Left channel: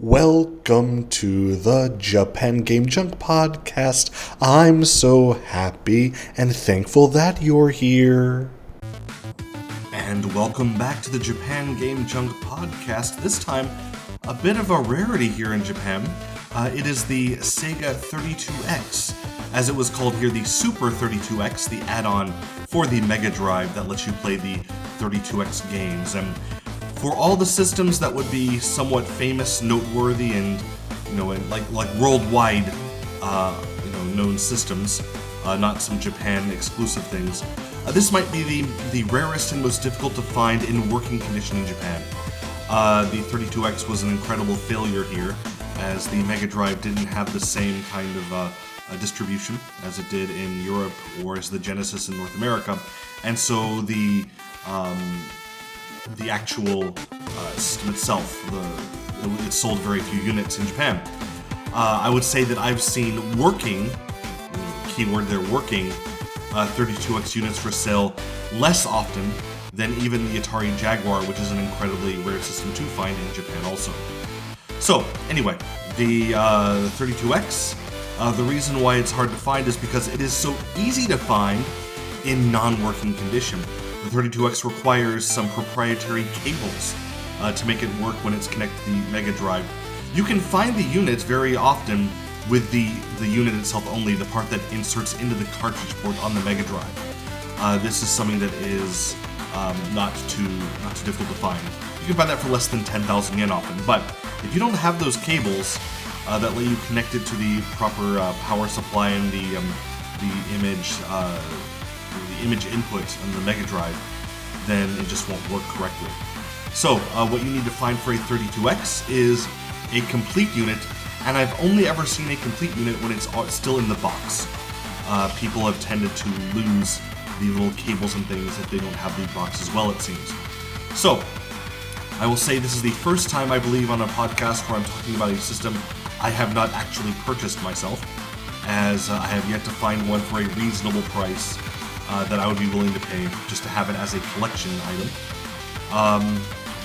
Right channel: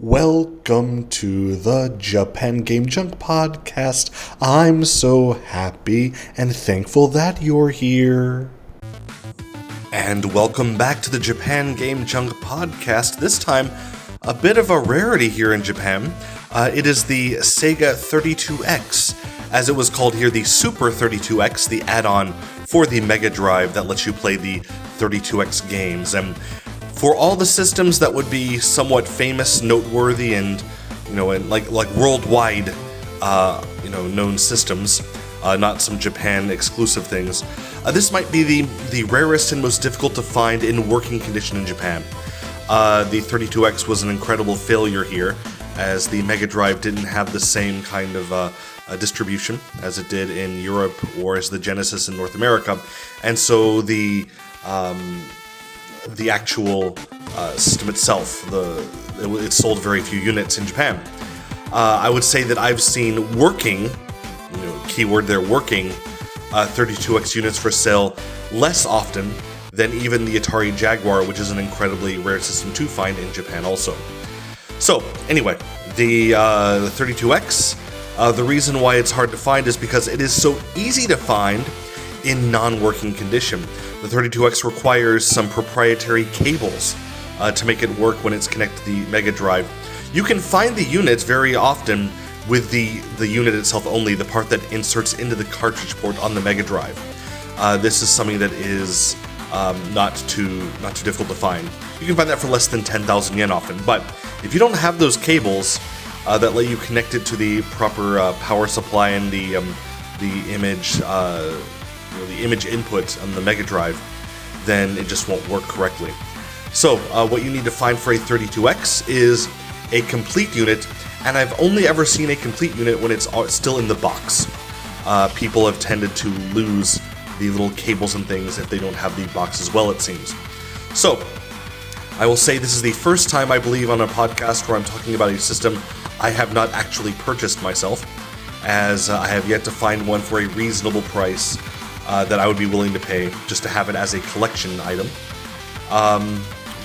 Welcome to the Japan Game Junk podcast. I'm so happy and thankful that you're here. And welcome back to the Japan Game Junk podcast. This time, a bit of a rarity here in Japan. It is the Sega 32X, as it was called here, the Super 32X, the add-on for the Mega Drive that lets you play the 32X games. And for all the systems that would be somewhat famous, noteworthy, and like worldwide, known systems, not some Japan exclusive things, this might be the rarest and most difficult to find in working condition in Japan. The 32X was an incredible failure here, as the Mega Drive didn't have the same kind of distribution as it did in Europe or as the Genesis in North America, and so the actual system itself, it sold very few units in Japan. I would say that I've seen working, keyword there, working 32X units for sale less often than even the Atari Jaguar, which is an incredibly rare system to find in Japan also. So anyway, the 32X, the reason why it's hard to find is because it is so easy to find in non-working condition. The 32X requires some proprietary cables to make it work when it's connected to the Mega Drive. You can find the units very often with the unit itself only, the part that inserts into the cartridge port on the Mega Drive. This is something that is not too difficult to find. You can find that for less than 10,000 yen often, but if you don't have those cables that let you connect it to the proper power supply and the image input on the Mega Drive, then it just won't work correctly. So what you need to find for a 32X is a complete unit, and I've only ever seen a complete unit when it's still in the box. People have tended to lose the little cables and things if they don't have the box as well, it seems. So I will say this is the first time, I believe, on a podcast where I'm talking about a system I have not actually purchased myself, as I have yet to find one for a reasonable price that I would be willing to pay just to have it as a collection item.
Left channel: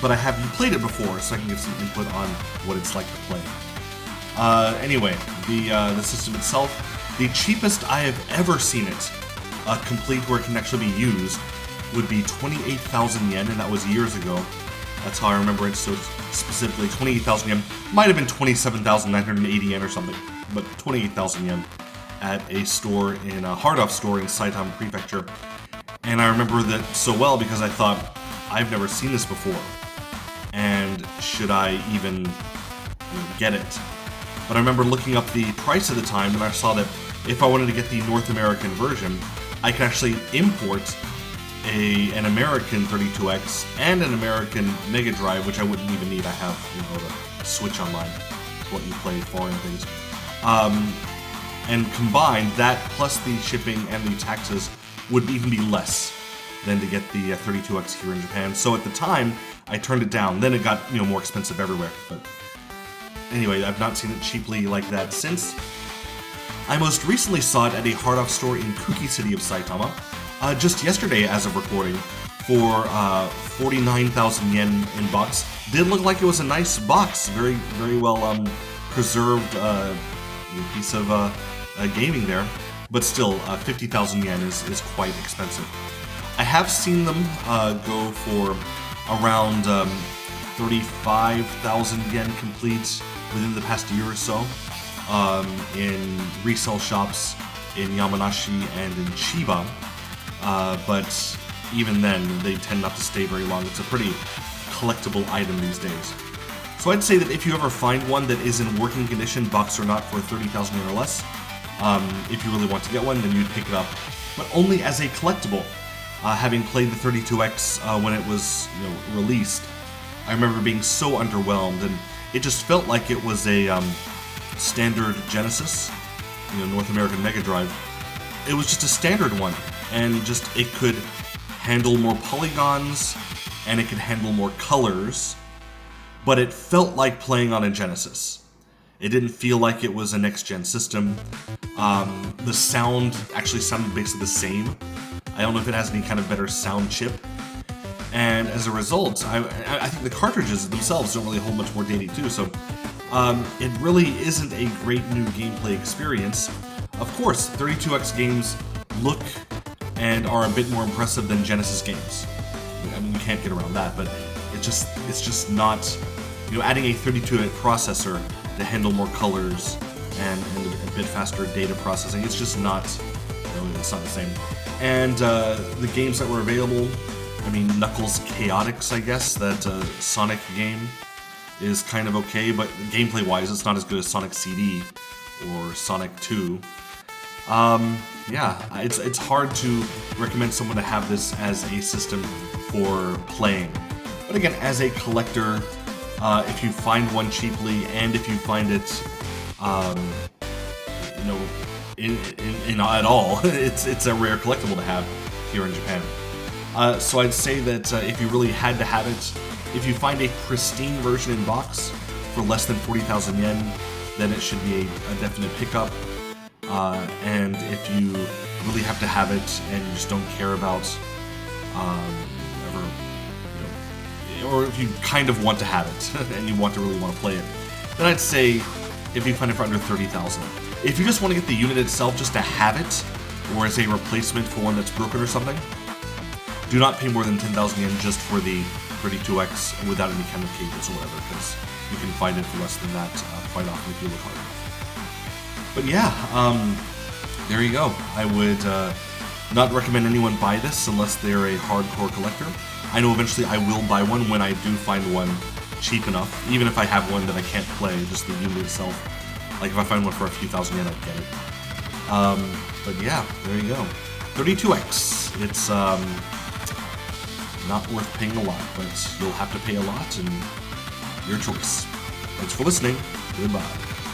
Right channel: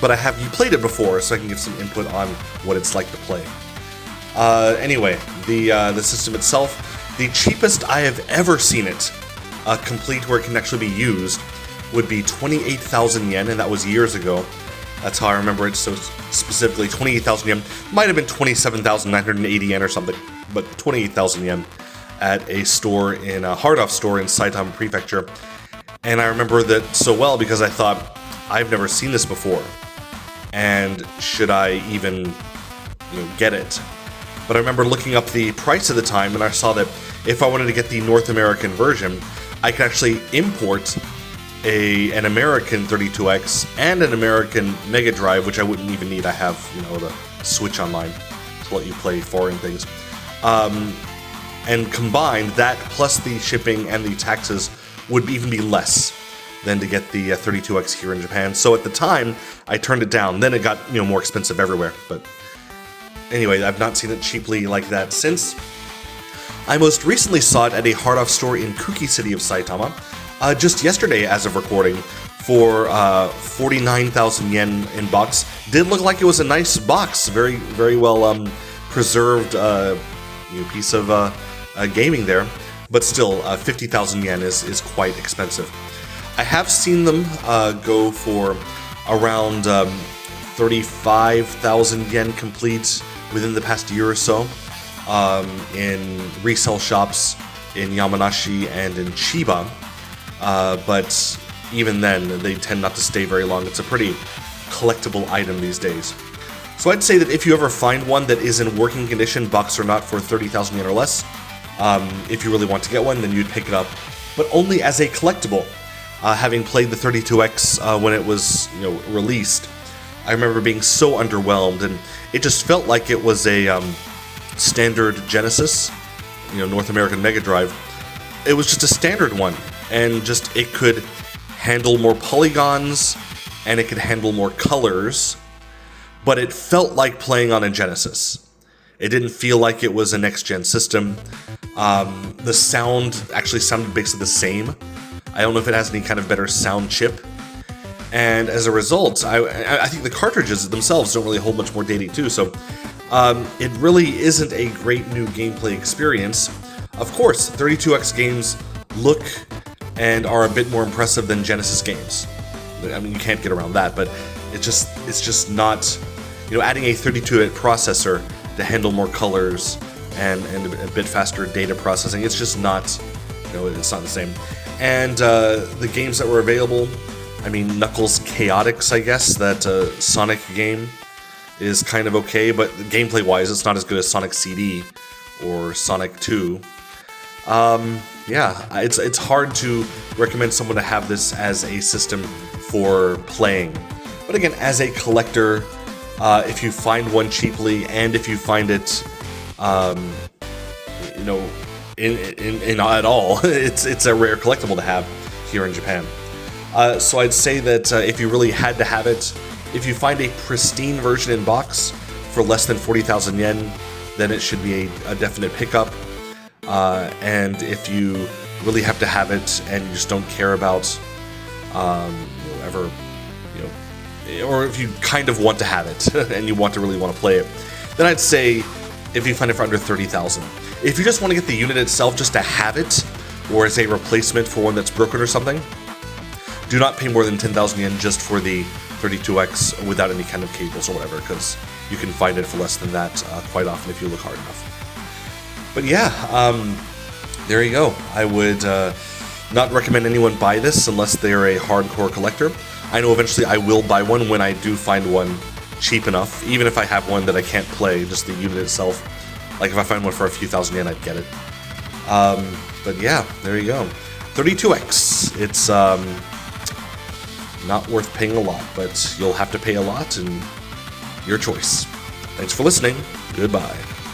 But I have played it before, so I can give some input on what it's like to play. Anyway, the system itself, the cheapest I have ever seen it complete where it can actually be used would be 28,000 yen, and that was years ago. That's how I remember it, so specifically 28,000 yen. Might have been 27,980 yen or something, but 28,000 yen at a store in a hard-off store in Saitama Prefecture. And I remember that so well because I thought, I've never seen this before, and should I even get it? But I remember looking up the price at the time, and I saw that if I wanted to get the North American version, I could actually import an American 32X and an American Mega Drive, which I wouldn't even need. I have the Switch Online, what you play for and things. And combined, that plus the shipping and the taxes would even be less than to get the 32X here in Japan. So at the time, I turned it down. Then it got more expensive everywhere. But anyway, I've not seen it cheaply like that since. I most recently saw it at a hard-off store in Kuki City of Saitama, just yesterday as of recording, for 49,000 yen in box. Did look like it was a nice box, very, very well preserved piece of gaming there, but still 50,000 yen is quite expensive. I have seen them go for around 35,000 yen complete within the past year or so in resale shops in Yamanashi and in Chiba, but even then they tend not to stay very long. It's a pretty collectible item these days. So I'd say that if you ever find one that is in working condition, box or not, for 30,000 yen or less, if you really want to get one, then you'd pick it up, but only as a collectible. Having played the 32X when it was released, I remember being so underwhelmed, and it just felt like it was a standard Genesis, North American Mega Drive. It was just a standard one, and just it could handle more polygons, and it could handle more colors, but it felt like playing on a Genesis. It didn't feel like it was a next-gen system. The sound actually sounded basically the same. I don't know if it has any kind of better sound chip. And as a result, I think the cartridges themselves don't really hold much more data too, so it really isn't a great new gameplay experience. Of course, 32X games look and are a bit more impressive than Genesis games. I mean, you can't get around that, but it's just not, adding a 32-bit processor to handle more colors and a bit faster data processing. It's just not, it's not the same. And the games that were available, I mean, Knuckles Chaotix, I guess, that Sonic game is kind of okay, but gameplay-wise, it's not as good as Sonic CD or Sonic 2. Yeah, it's hard to recommend someone to have this as a system for playing. But again, as a collector, if you find one cheaply and if you find it, in at all, it's a rare collectible to have here in Japan. So I'd say that if you really had to have it, if you find a pristine version in box for less than 40,000 yen, then it should be a definite pickup. And if you really have to have it and you just don't care about or if you kind of want to have it and you really want to play it, then I'd say if you find it for under 30,000. If you just want to get the unit itself just to have it, or as a replacement for one that's broken or something, do not pay more than 10,000 yen just for the 32X without any kind of cables or whatever, because you can find it for less than that quite often if you look hard enough. But yeah, there you go. I would not recommend anyone buy this unless they're a hardcore collector. I know eventually I will buy one when I do find one cheap enough, even if I have one that I can't play, just the unit itself. Like if I find one for a few thousand yen, I'd get it. But yeah, there you go. 32X. It's not worth paying a lot, but you'll have to pay a lot, and your choice. Thanks for listening. Goodbye.